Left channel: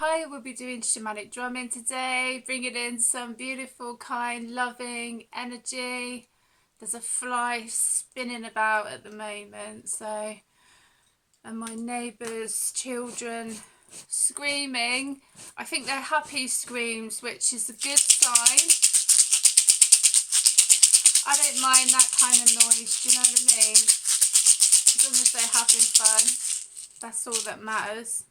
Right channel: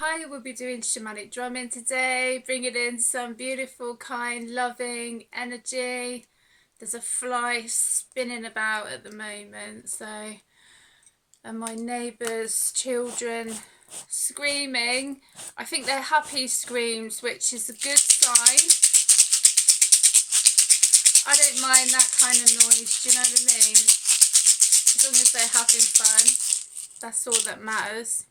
Hi, we'll be doing shamanic drumming today, bringing in some beautiful, kind, loving energy. There's a fly spinning about at the moment, and my neighbour's children screaming. I think they're happy screams, which is a good sign. I don't mind that kind of noise, do you know what I mean? As long as they're having fun, that's all that matters.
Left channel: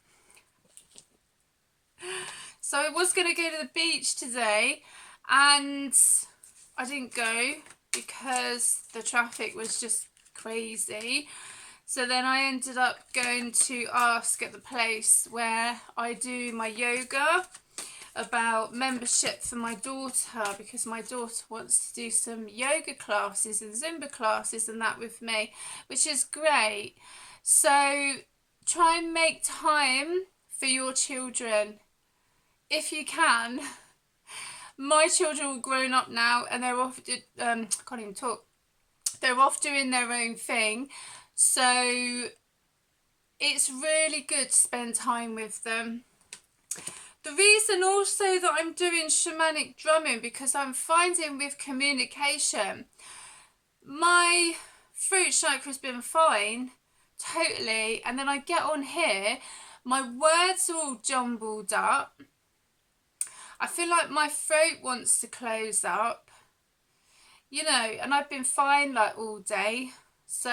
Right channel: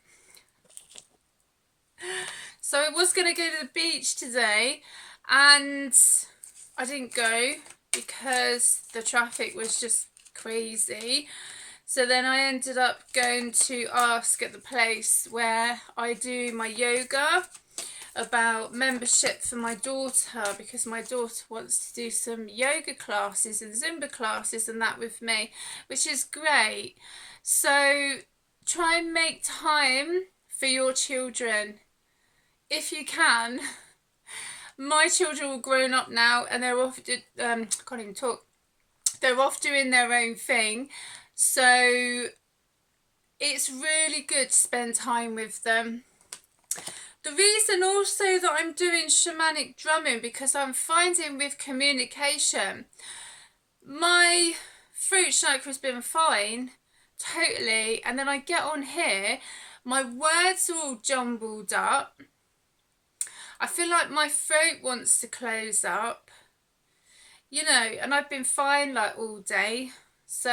So I was going to go to the beach today and I didn't go because the traffic was just crazy. So then I ended up going to ask at the place where I do my yoga about membership for my daughter, because my daughter wants to do some yoga classes and Zumba classes and that with me, which is great. So try and make time for your children if you can. My children are all grown up now and they're off, can't even talk, they're off doing their own thing, so it's really good to spend time with them. The reason also that I'm doing shamanic drumming, because I'm finding with communication, my throat chakra has been fine, totally, and then I get on here, my words are all jumbled up. I feel like my throat wants to close up, you know, and I've been fine like all day. So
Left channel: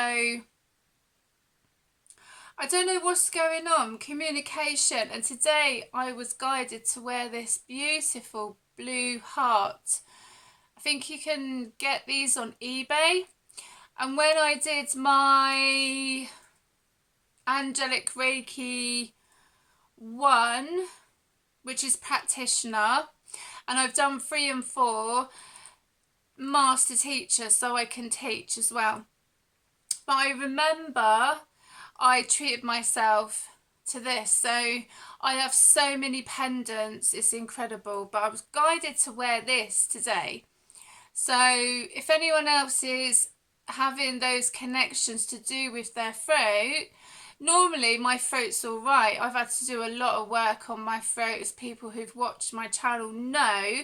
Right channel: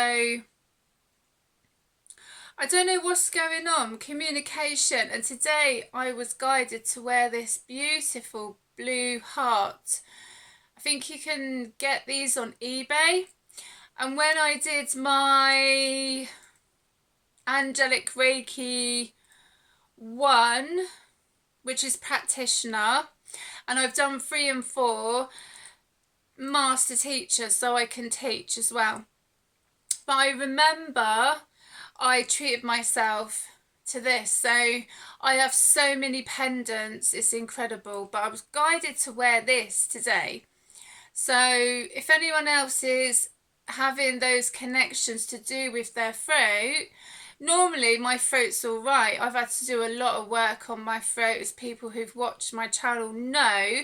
I don't know what's going on, communication. And today I was guided to wear this beautiful blue heart. I think you can get these on eBay. And when I did my Angelic Reiki 1, which is practitioner, and I've done 3 and 4 master teacher, so I can teach as well. But I remember I treated myself to this, so I have so many pendants, it's incredible, but I was guided to wear this today. So if anyone else is having those connections to do with their throat, normally my throat's all right. I've had to do a lot of work on my throat, as people who've watched my channel know,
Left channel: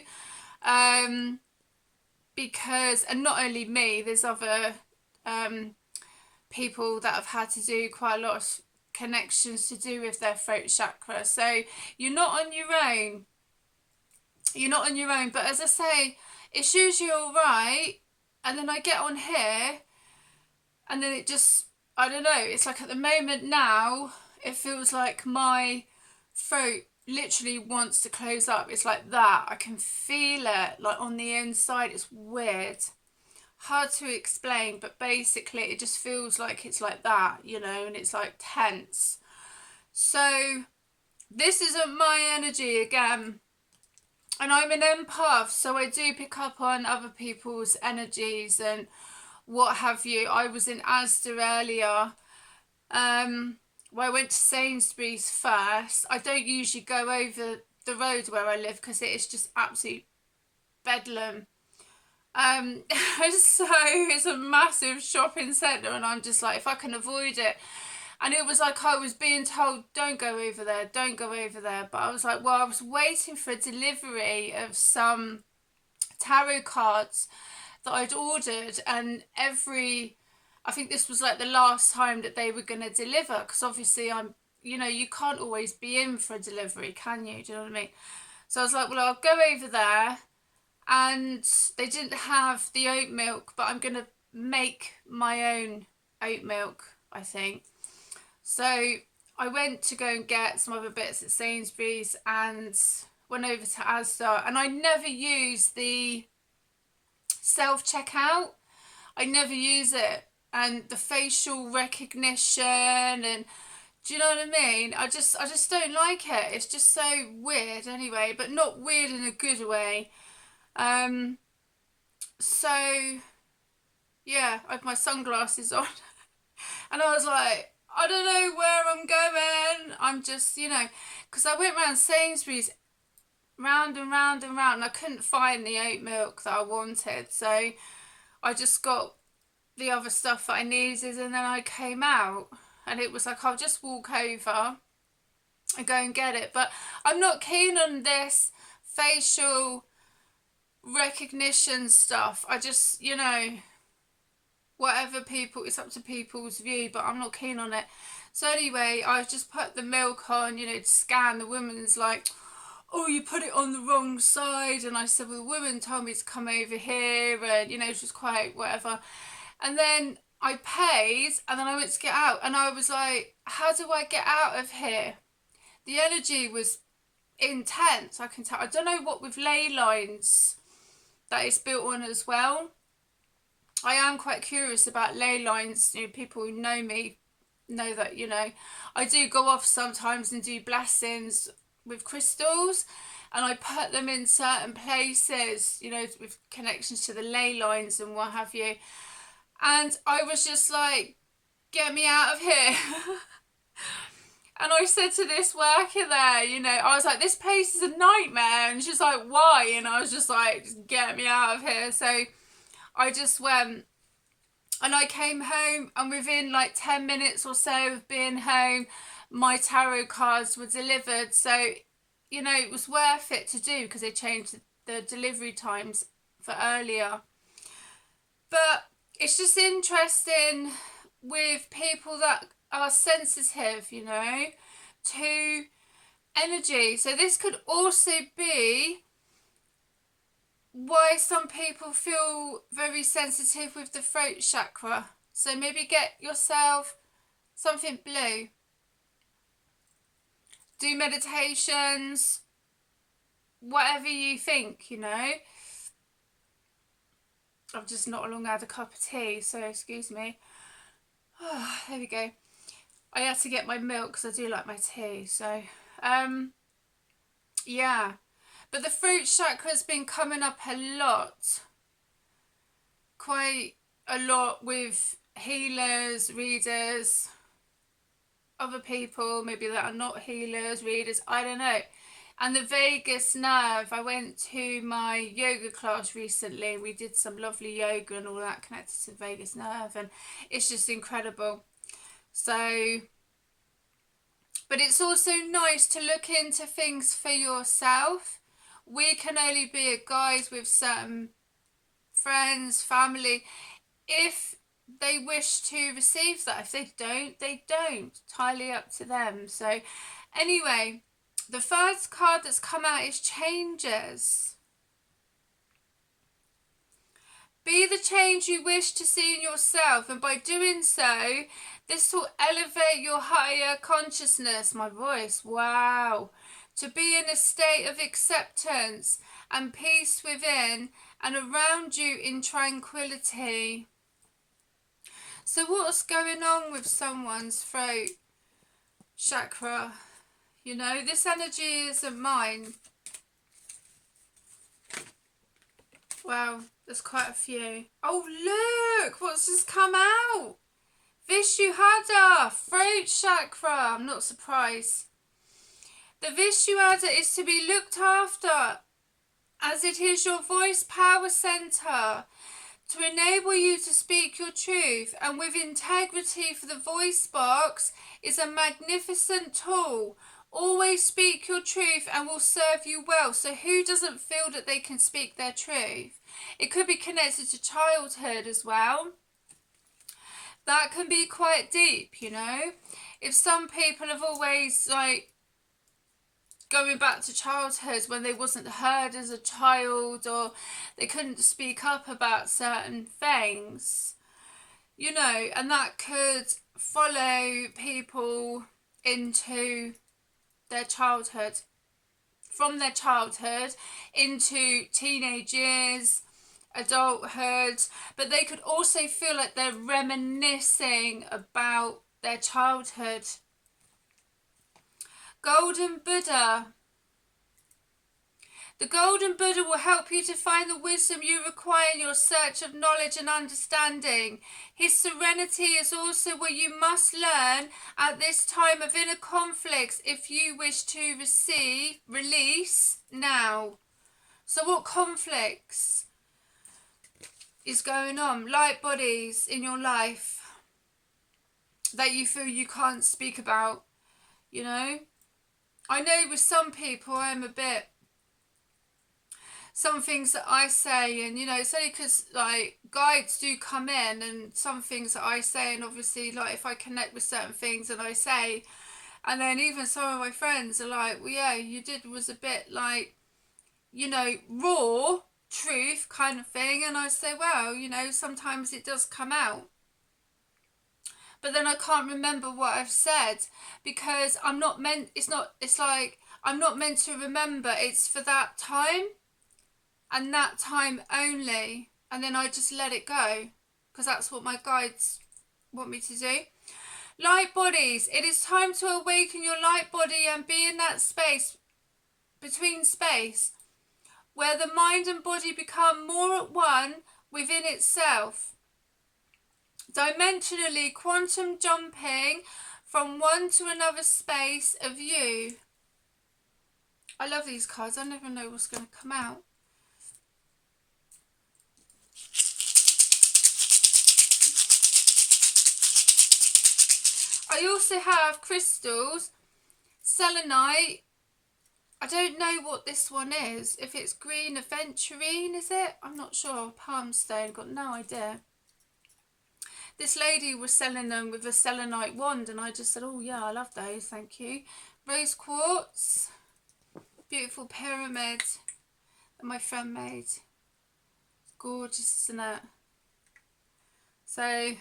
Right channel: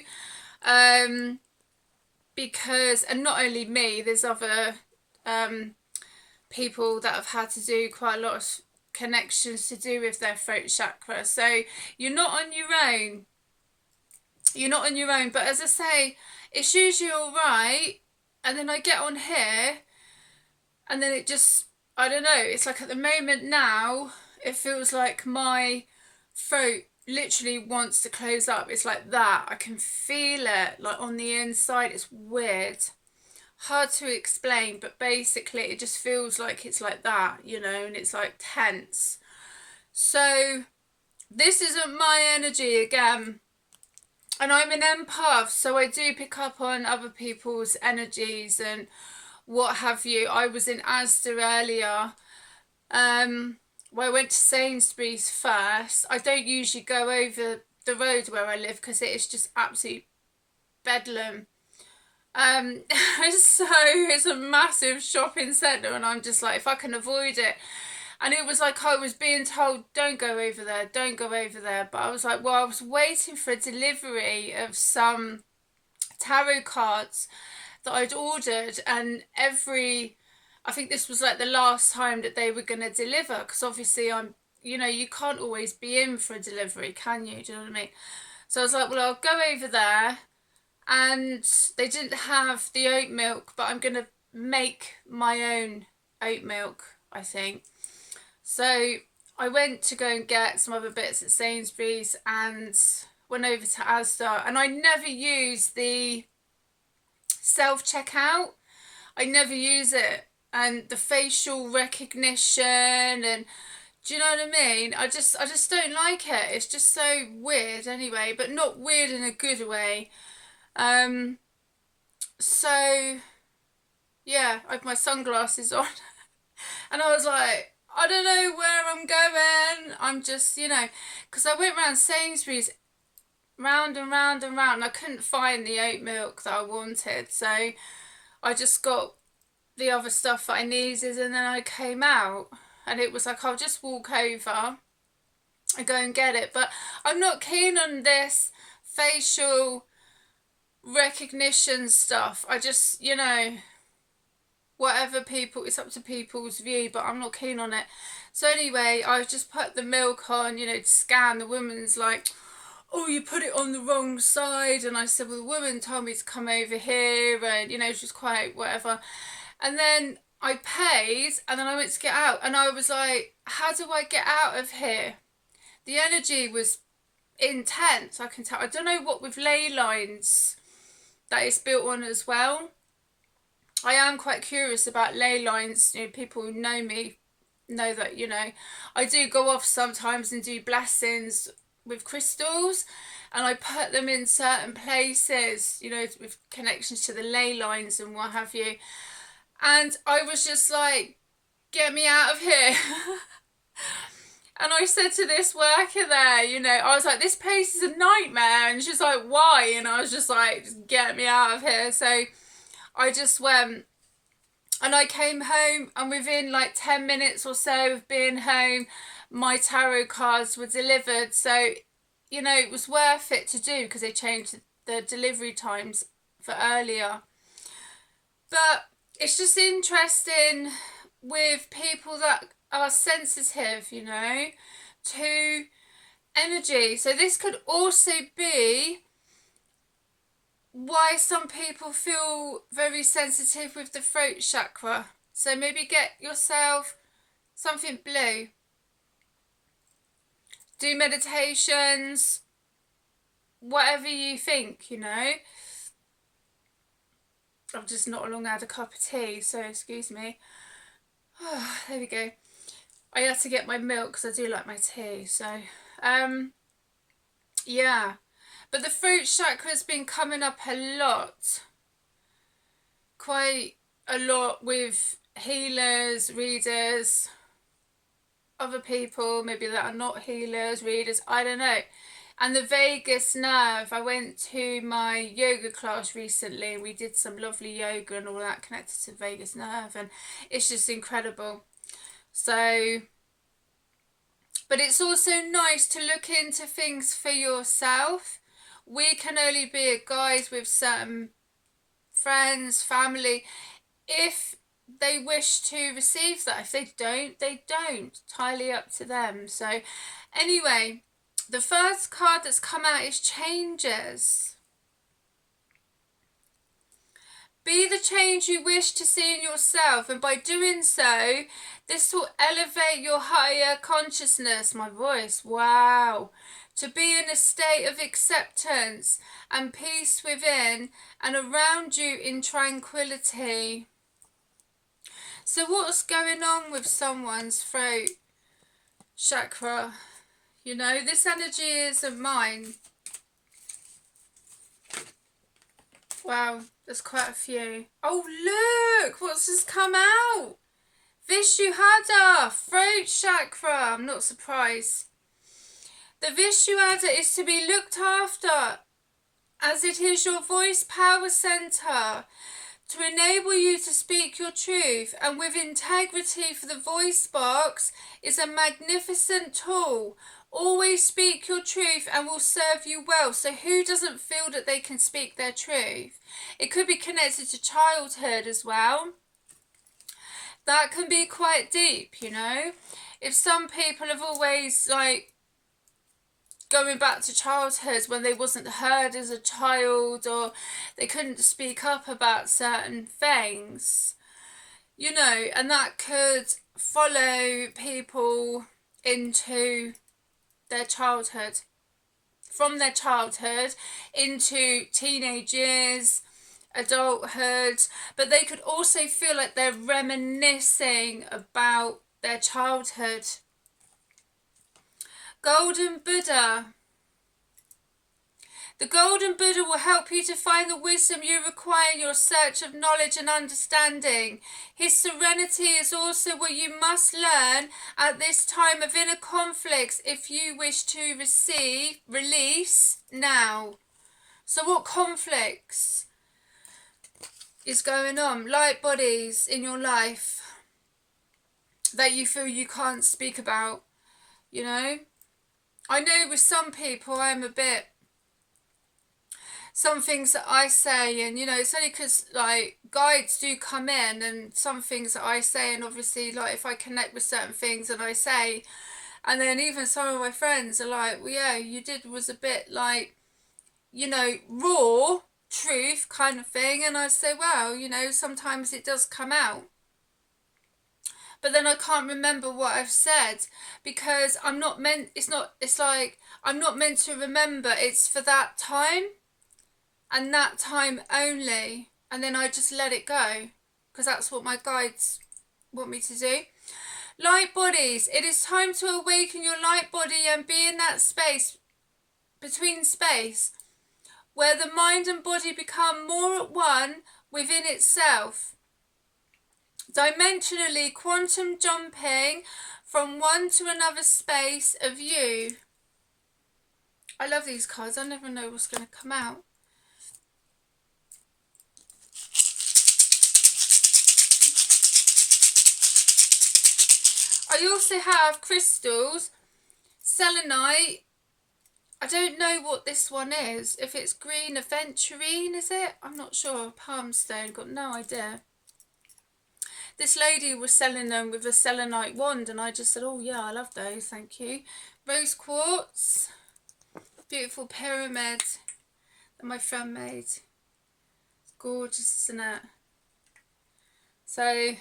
because, and not only me, there's other people that have had to do quite a lot of connections to do with their throat chakra. So you're not on your own. You're not on your own. But as I say, it's usually all right. And then I get on here and then it just, I don't know, it's like at the moment now, it feels like my throat literally wants to close up. It's like that. I can feel it like on the inside. It's weird. Hard to explain, but basically it just feels like it's like that, you know, and it's like tense. So this isn't my energy again. And I'm an empath, so I do pick up on other people's energies and what have you. I was in Asda earlier. Well, I went to Sainsbury's first. I don't usually go over the road where I live because it is just absolute bedlam. So it's a massive shopping centre and I'm just like, if I can avoid it. And it was like I was being told, don't go over there, don't go over there. But I was like, well, I was waiting for a delivery of some tarot cards that I'd ordered, and I think this was like the last time that they were going to deliver, because obviously I'm, you know, you can't always be in for a delivery, can you? Do you know what I mean? So I was like, well, I'll go over there, and they didn't have the oat milk, but I'm going to make my own oat milk, I think. So I went to go and get some other bits at Sainsbury's and went over to Asda, and I never use the self-checkout. I never use it, and the facial recognition, and do you know what I mean? I just don't like it. It's just so weird anyway, but not weird in a good way. So yeah, I have my sunglasses on and I was like, I don't know where I'm going. I'm just, you know, because I went around Sainsbury's round and round and round and I couldn't find the oat milk that I wanted, so I just got the other stuff that I needed, and then I came out and it was like, I'll just walk over and go and get it. But I'm not keen on this facial recognition stuff. I just, you know, whatever people, it's up to people's view, but I'm not keen on it. So anyway, I've just put the milk on, you know, to scan. The woman's like, oh, you put it on the wrong side. And I said, well, the woman told me to come over here, and, you know, she's quite whatever. And then I paid, and then I went to get out, and I was like, how do I get out of here? The energy was intense, I can tell. I don't know what with ley lines that it's built on as well. I am quite curious about ley lines. You know, people who know me know that, you know, I do go off sometimes and do blessings with crystals, and I put them in certain places, you know, with connections to the ley lines and what have you. And I was just like, get me out of here. And I said to this worker there, you know, I was like, this place is a nightmare. And she's like, why? And I was just like, just get me out of here. So I just went, and I came home, and within like 10 minutes or so of being home, my tarot cards were delivered. So, you know, it was worth it to do, because they changed the delivery times for earlier. But it's just interesting with people that are sensitive, you know, to energy. So this could also be why some people feel very sensitive with the throat chakra. So maybe get yourself something blue. Do meditations, whatever you think, you know. I've just not long had a cup of tea, so excuse me. Oh, there we go. I had to get my milk because I do like my tea. So, yeah. But the throat chakra has been coming up a lot. Quite a lot with healers, readers, other people maybe that are not healers, readers, I don't know. And the vagus nerve, I went to my yoga class recently. We did some lovely yoga and all that connected to the vagus nerve, and it's just incredible. So, but it's also nice to look into things for yourself. We can only be a guide with certain friends, family, if they wish to receive that. If they don't, they don't. Entirely up to them. So anyway, the first card that's come out is changes. Be the change you wish to see in yourself, and by doing so, this will elevate your higher consciousness. My voice, wow. To be in a state of acceptance and peace within and around you in tranquility. So what's going on with someone's throat chakra? You know, this energy isn't mine. Wow, there's quite a few. Oh, look, what's just come out? Vishuddha, throat chakra. I'm not surprised. The Vishuddha is to be looked after, as it is your voice power center, to enable you to speak your truth, and with integrity, for the voice box is a magnificent tool. Always speak your truth and will serve you well. So who doesn't feel that they can speak their truth? It could be connected to childhood as well. That can be quite deep, you know. If some people have always, like, going back to childhood when they wasn't heard as a child, or they couldn't speak up about certain things, you know, and that could follow people into their childhood, from their childhood into teenage years, adulthood. But they could also feel like they're reminiscing about their childhood. Golden Buddha. The Golden Buddha will help you to find the wisdom you require in your search of knowledge and understanding. His serenity is also what you must learn at this time of inner conflicts if you wish to release now. So what conflicts is going on? Light bodies in your life that you feel you can't speak about, you know? I know with some people I'm a bit, some things that I say, and you know, it's only because like guides do come in, and some things that I say, and obviously like if I connect with certain things and I say, and then even some of my friends are like, well, yeah, you did was a bit like, you know, raw truth kind of thing. And I say, well, you know, sometimes it does come out. But then I can't remember what I've said because I'm not meant, it's like, I'm not meant to remember. It's for that time and that time only. And then I just let it go because that's what my guides want me to do. Light bodies, it is time to awaken your light body and be in that space, between space, where the mind and body become more at one within itself. Dimensionally quantum jumping from one to another space of you. I love these cards. I never know what's going to come out. I also have crystals, selenite. I don't know what this one is. If it's green aventurine, is it? I'm not sure. Palm stone, got no idea. This lady was selling them with a selenite wand, and I just said, oh yeah, I love those, thank you. Rose quartz, beautiful pyramid that my friend made. It's gorgeous, isn't it? So,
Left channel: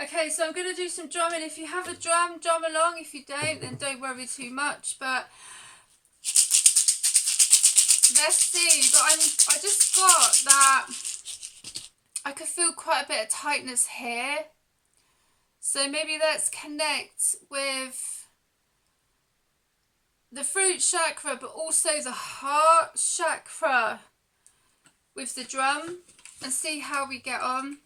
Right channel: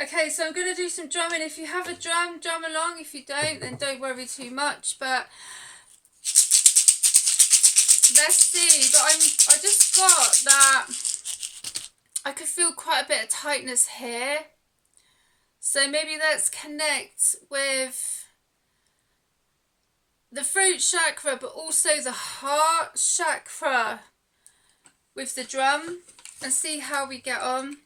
okay, so I'm going to do some drumming. If you have a drum, drum along. If you don't, then don't worry too much. But let's see. But I just got that I could feel quite a bit of tightness here. So maybe let's connect with the throat chakra, but also the heart chakra with the drum and see how we get on.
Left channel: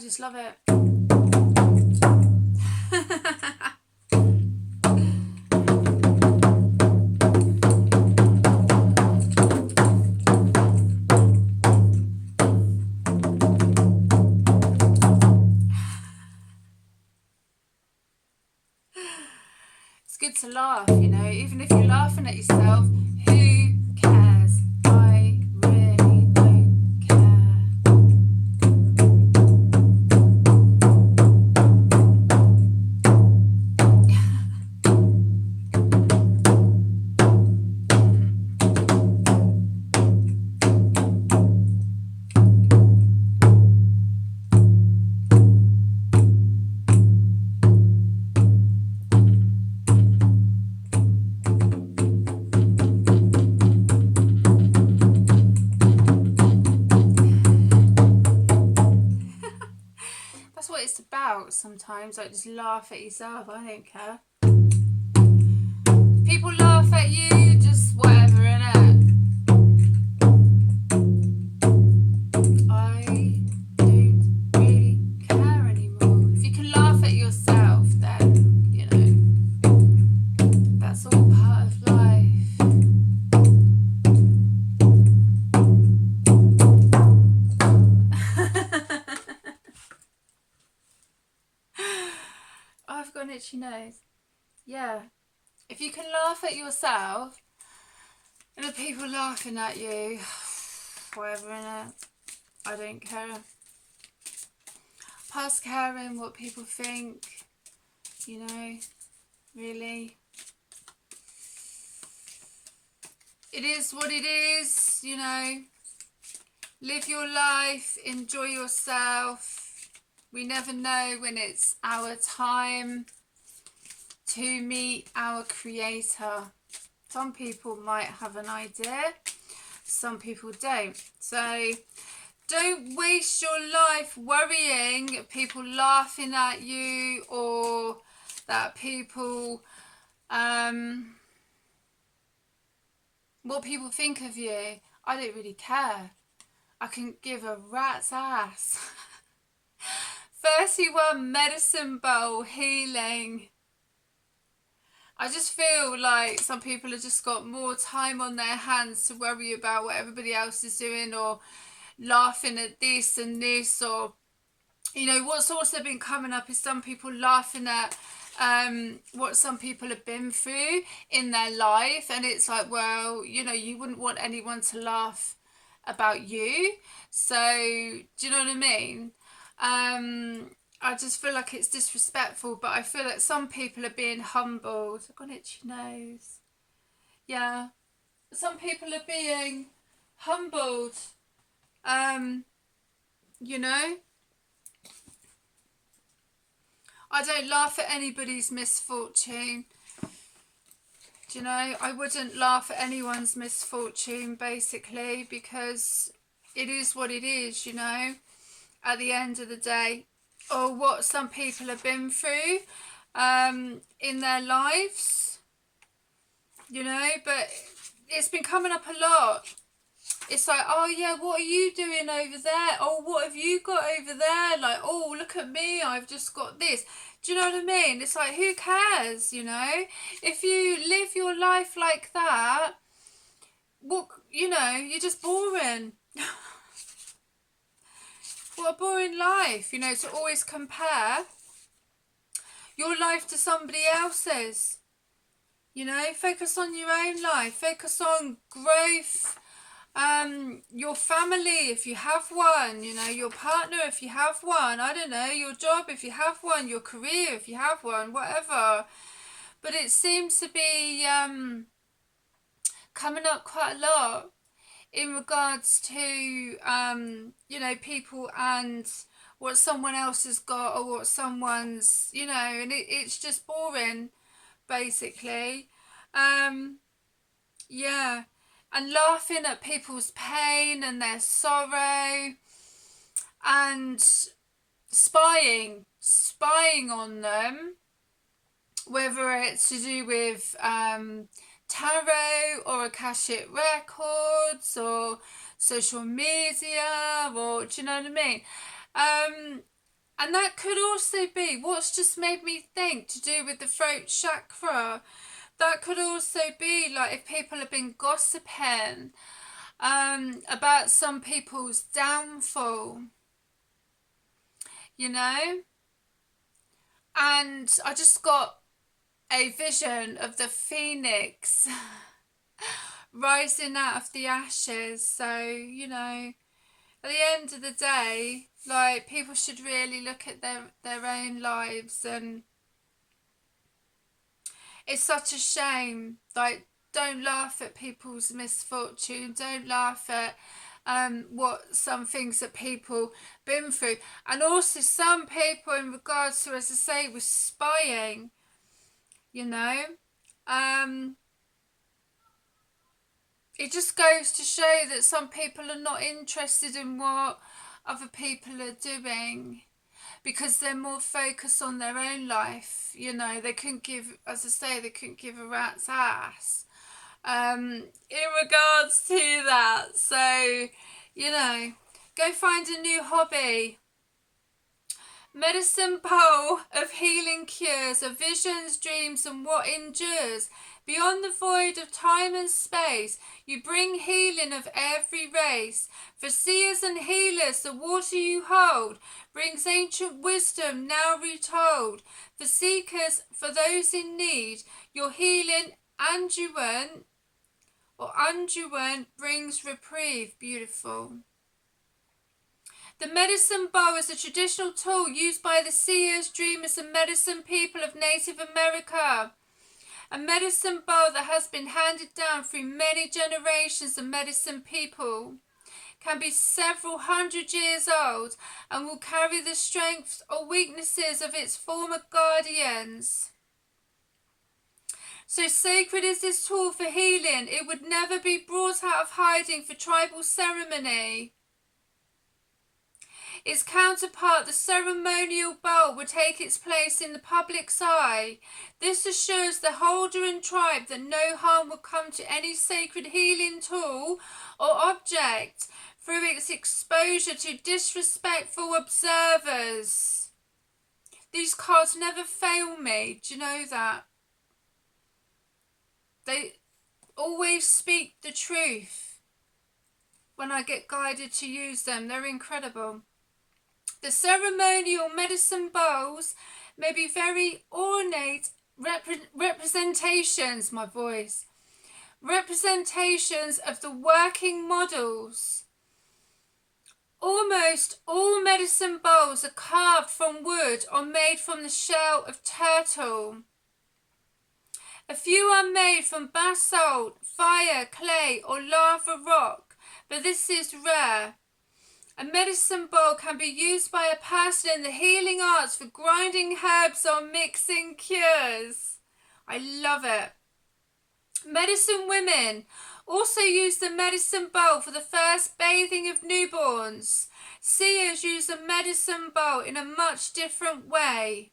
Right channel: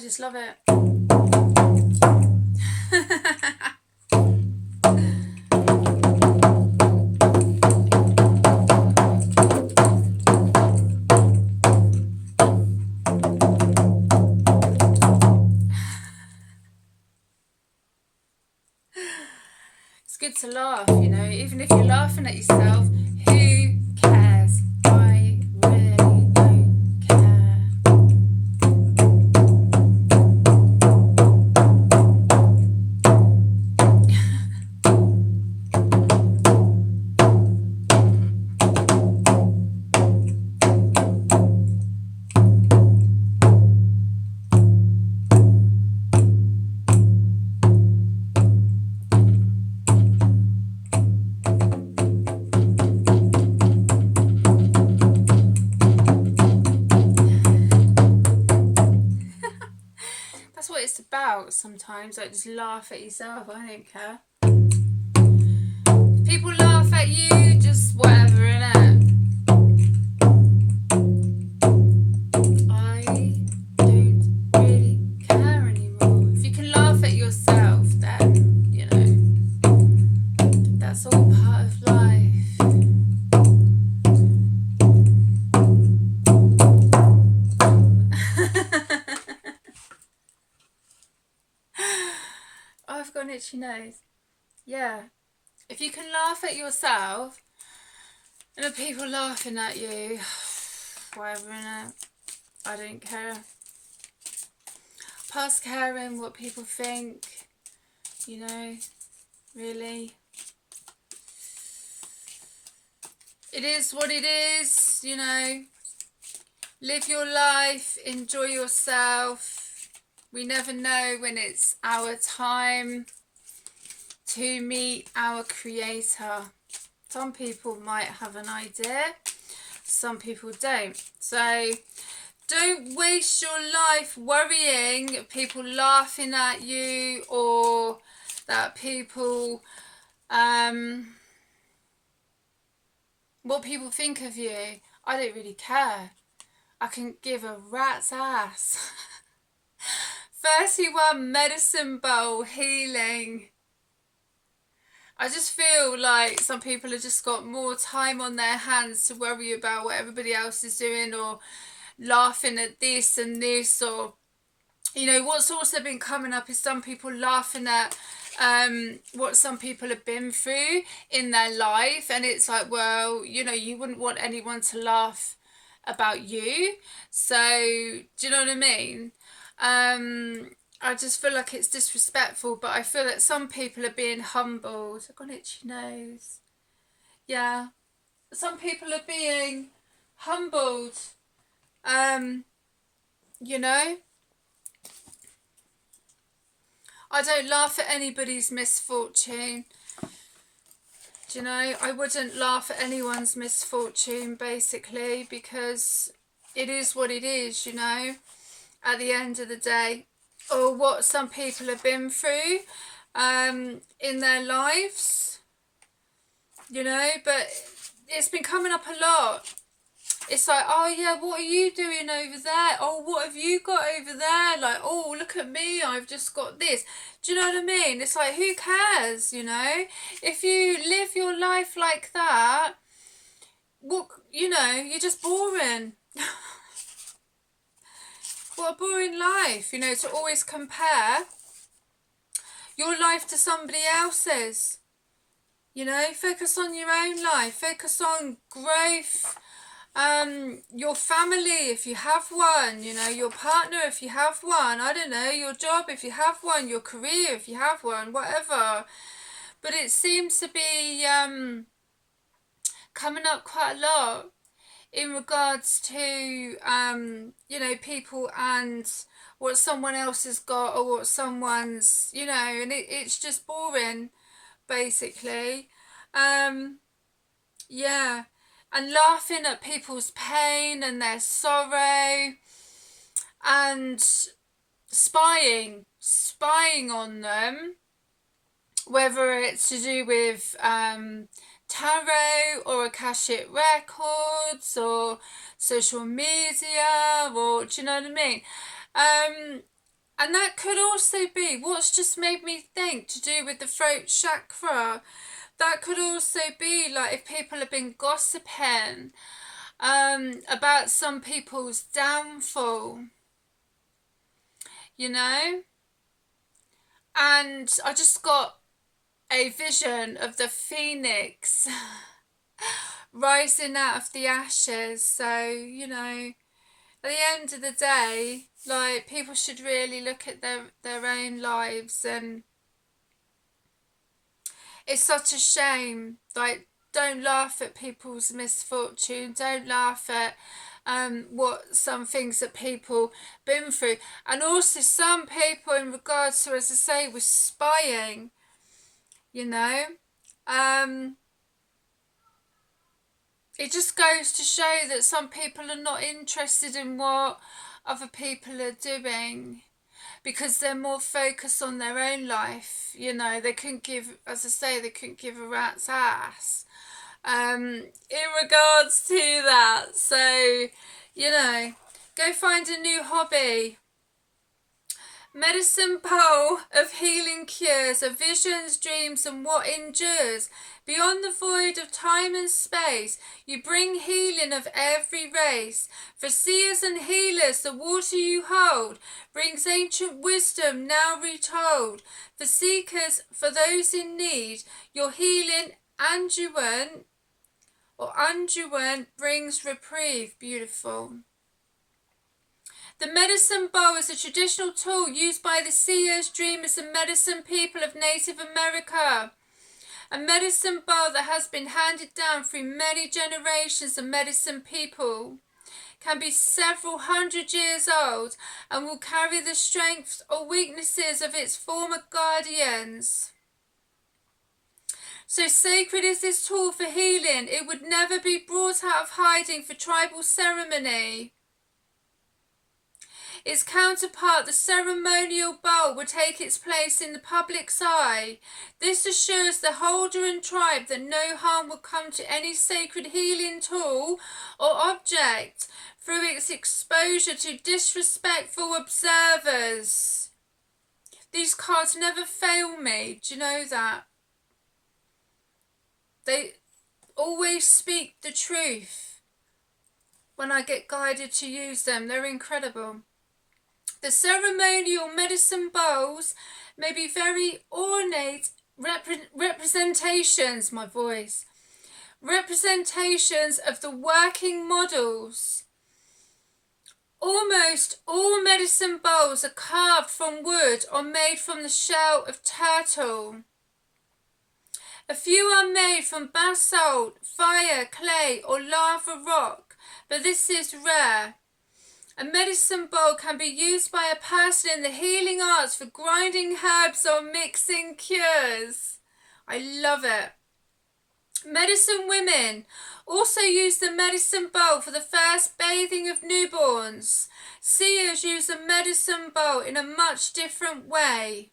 just love it. It's good to laugh, you know, even if you're laughing at yourself, who cares? I really don't care. That's what it's about sometimes, like just laugh at yourself. I don't care. People laugh at you, just whatever, innit? I don't really care anymore. If you can laugh at yourself, then, you know, that's all part of life. I've got an itchy nose. Yeah. If you can laugh at yourself and the people laughing at you, whatever, innit? I don't care. Past caring what people think, you know, really. It is what it is, you know. Live your life, enjoy yourself. We never know when it's our time to meet our creator. Some people might have an idea, some people don't. So don't waste your life worrying people laughing at you, or that people what people think of you. I don't really care. I can give a rat's ass. 31 medicine bowl healing. I just feel like some people have just got more time on their hands to worry about what everybody else is doing, or laughing at this and this, or, you know, what's also been coming up is some people laughing at what some people have been through in their life, and it's like, well, you know, you wouldn't want anyone to laugh about you, so do you know what I mean? I just feel like it's disrespectful, but I feel that some people are being humbled. I've got an itchy nose. Yeah. Some people are being humbled. You know? I don't laugh at anybody's misfortune. Do you know? I wouldn't laugh at anyone's misfortune, basically, because it is what it is, you know, at the end of the day. Or what some people have been through in their lives, you know, but it's been coming up a lot. It's like, oh yeah, what are you doing over there? Oh, what have you got over there? Like, oh, look at me, I've just got this. Do you know what I mean? It's like, who cares, you know? If you live your life like that, what, you know, you're just boring. What a boring life, you know, to always compare your life to somebody else's. You know, focus on your own life, focus on growth, your family if you have one, you know, your partner if you have one, I don't know, your job if you have one, your career if you have one, whatever. But it seems to be coming up quite a lot in regards to, you know, people and what someone else has got, or what someone's, you know, and it's just boring, basically. Yeah, and laughing at people's pain and their sorrow, and spying on them, whether it's to do with tarot or Akashic records or social media, or do you know what I mean? And that could also be what's just made me think to do with the throat chakra. That could also be like if people have been gossiping about some people's downfall, you know? And I just got a vision of the phoenix rising out of the ashes. So, you know, at the end of the day, like, people should really look at their own lives. And it's such a shame. Like, don't laugh at people's misfortune. Don't laugh at what some things that people been through. And also some people in regards to, as I say, with spying, you know. It just goes to show that some people are not interested in what other people are doing, because they're more focused on their own life. You know, they couldn't give, as I say, they couldn't give a rat's ass in regards to that. So, you know, go find a new hobby. Medicine bowl of healing cures, of visions, dreams, and what endures. Beyond the void of time and space, you bring healing of every race. For seers and healers, the water you hold brings ancient wisdom now retold. For seekers, for those in need, your healing unguent brings reprieve. Beautiful. The medicine bow is a traditional tool used by the seers, dreamers, and medicine people of Native America. A medicine bow that has been handed down through many generations of medicine people, can be several hundred years old, and will carry the strengths or weaknesses of its former guardians. So sacred is this tool for healing, it would never be brought out of hiding for tribal ceremony. Its counterpart, the ceremonial bowl, will take its place in the public's eye. This assures the holder and tribe that no harm will come to any sacred healing tool or object through its exposure to disrespectful observers. These cards never fail me. Do you know that? They always speak the truth when I get guided to use them. They're incredible. The ceremonial medicine bowls may be very ornate representations of the working models. Almost all medicine bowls are carved from wood or made from the shell of turtle. A few are made from basalt, fire, clay, or lava rock, but this is rare. A medicine bowl can be used by a person in the healing arts for grinding herbs or mixing cures. I love it. Medicine women also use the medicine bowl for the first bathing of newborns. Seers use the medicine bowl in a much different way.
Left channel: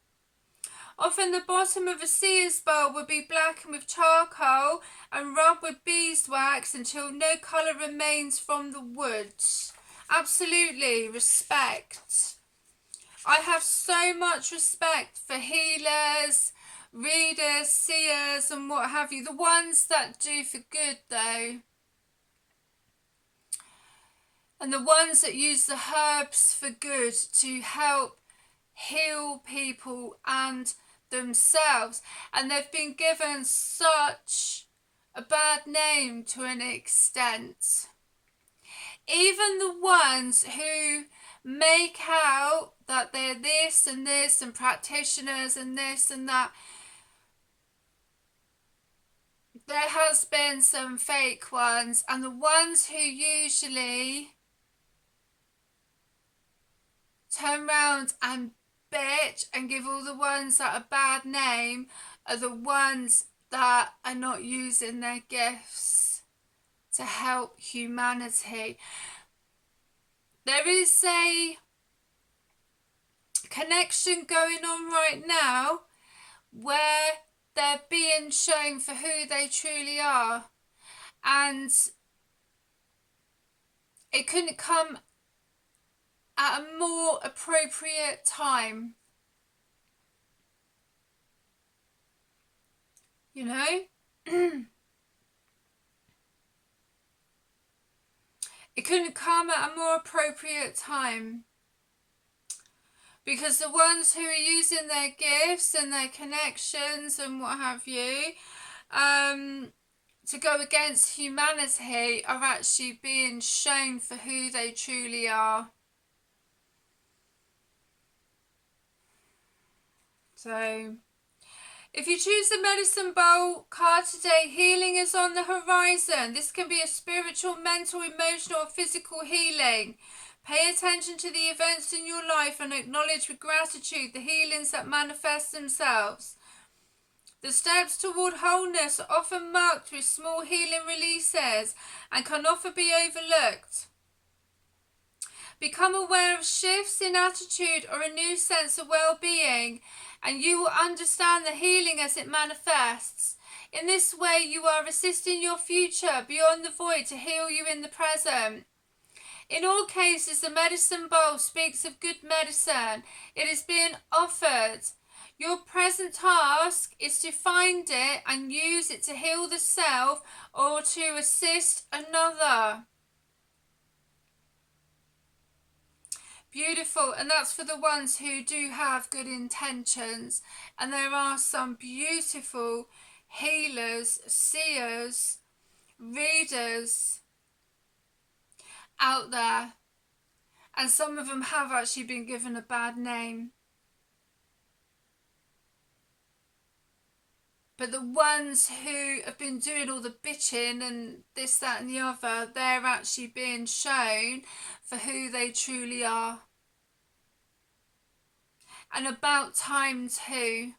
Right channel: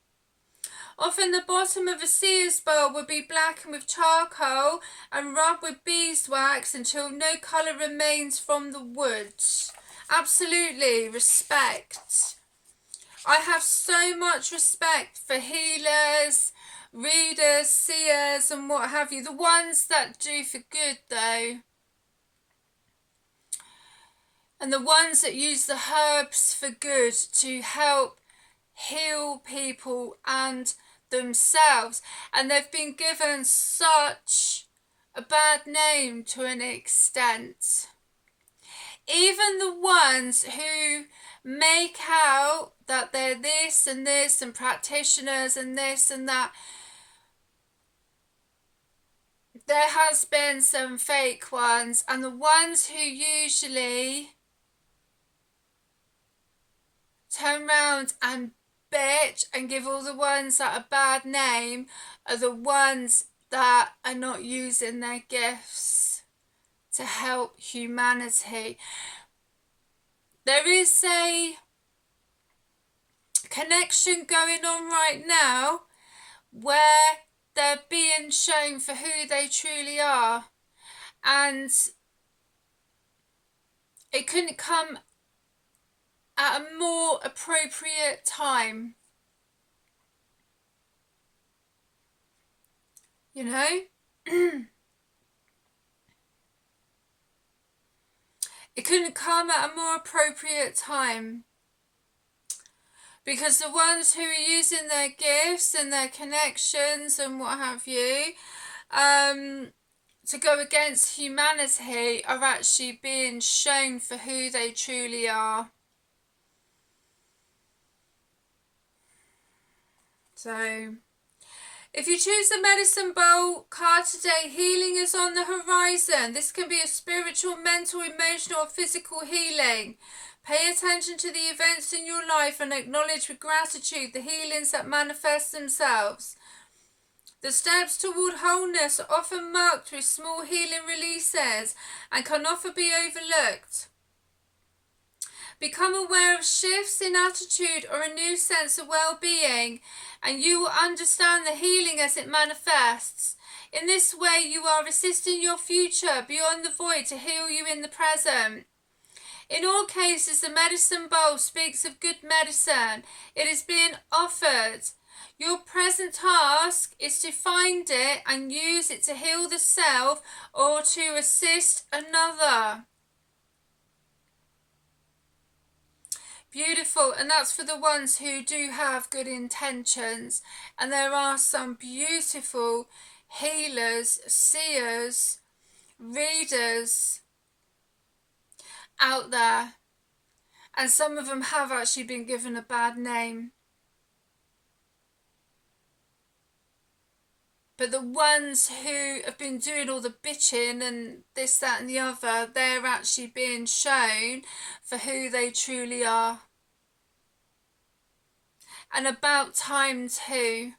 Often the bottom of a seer's bowl would be blackened with charcoal and rubbed with beeswax until no colour remains from the wood. Absolutely, respect. I have so much respect for healers, readers, seers, and what have you. The ones that do for good, though. And the ones that use the herbs for good to help heal people and themselves. And they've been given such a bad name to an extent. Even the ones who make out that they're this and practitioners and this and that, there has been some fake ones, and the ones who usually turn around and bitch and give all the ones that a bad name are the ones that are not using their gifts to help humanity. There is a connection going on right now where they're being shown for who they truly are, and it couldn't come at a more appropriate time. You know? It couldn't come at a more appropriate time. Because the ones who are using their gifts and their connections and what have you, to go against humanity are actually being shown for who they truly are. So, if you choose the medicine bowl card today, healing is on the horizon. This can be a spiritual, mental, emotional, or physical healing. Pay attention to the events in your life and acknowledge with gratitude the healings that manifest themselves. The steps toward wholeness are often marked with small healing releases and can often be overlooked. Become aware of shifts in attitude or a new sense of well-being, and you will understand the healing as it manifests. In this way, you are assisting your future beyond the void to heal you in the present. In all cases, the medicine bowl speaks of good medicine. It is being offered. Your present task is to find it and use it to heal the self or to assist another. Beautiful. And that's for the ones who do have good intentions. And there are some beautiful healers, seers, readers out there. And some of them have actually been given a bad name. But the ones who have been doing all the bitching and this, that and the other, they're actually being shown for who they truly are. And about time too.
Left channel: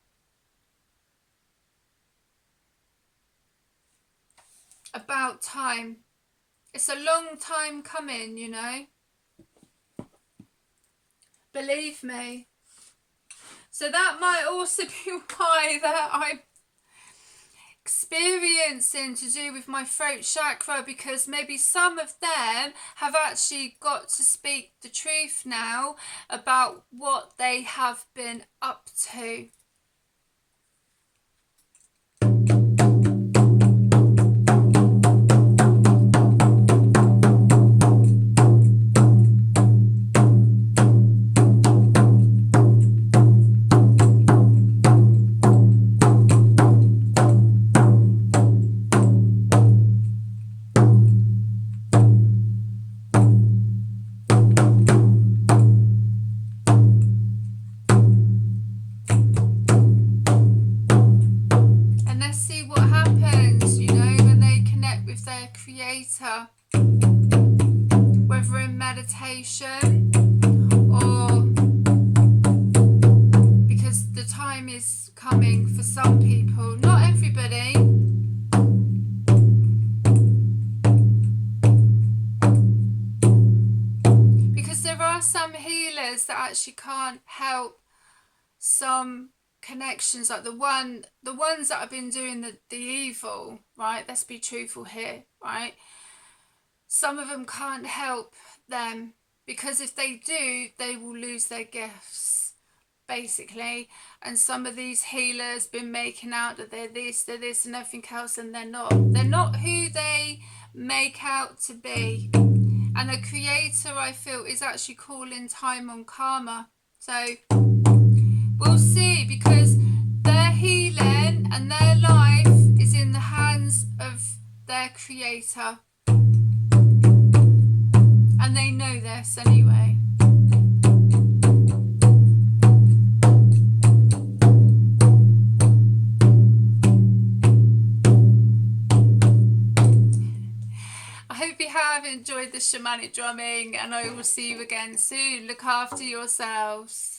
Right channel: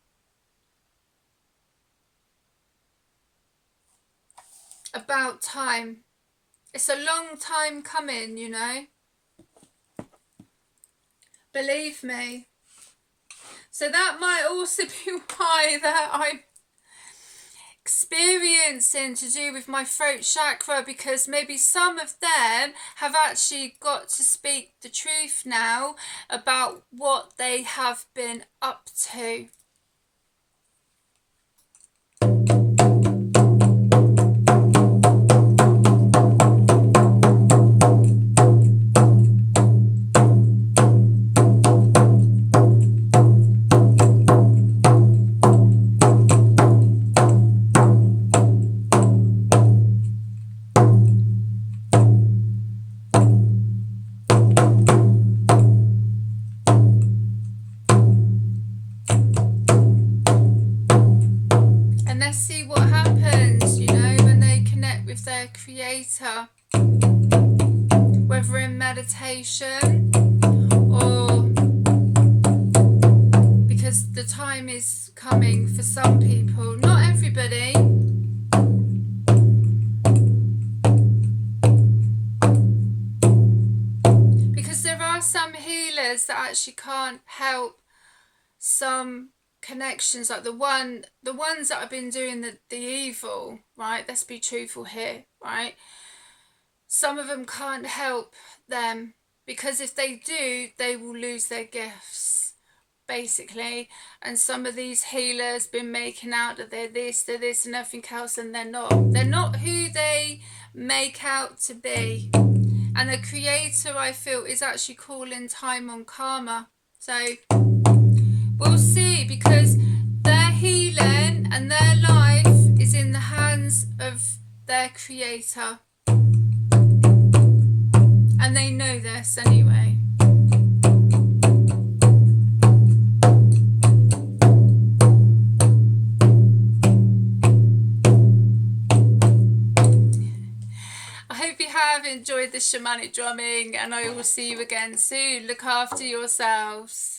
About time. It's a long time coming, you know. Believe me. So that might also be why that I'm experiencing to do with my throat chakra, because maybe some of them have actually got to speak the truth now about what they have been up to. Creator, whether in meditation or because the time is coming for some people, not everybody. Because there are some healers that actually can't help some connections, like the ones that have been doing the evil, right? Let's be truthful here, right? Some of them can't help them, because if they do, they will lose their gifts, basically. And some of these healers been making out that they're this and everything else, and they're not. They're not who they make out to be. And the Creator, I feel, is actually calling time on karma. So we'll see, because their healing and their life is in the hands of their Creator. And they know this anyway. I hope you have enjoyed the shamanic drumming, and I will see you again soon. Look after yourselves.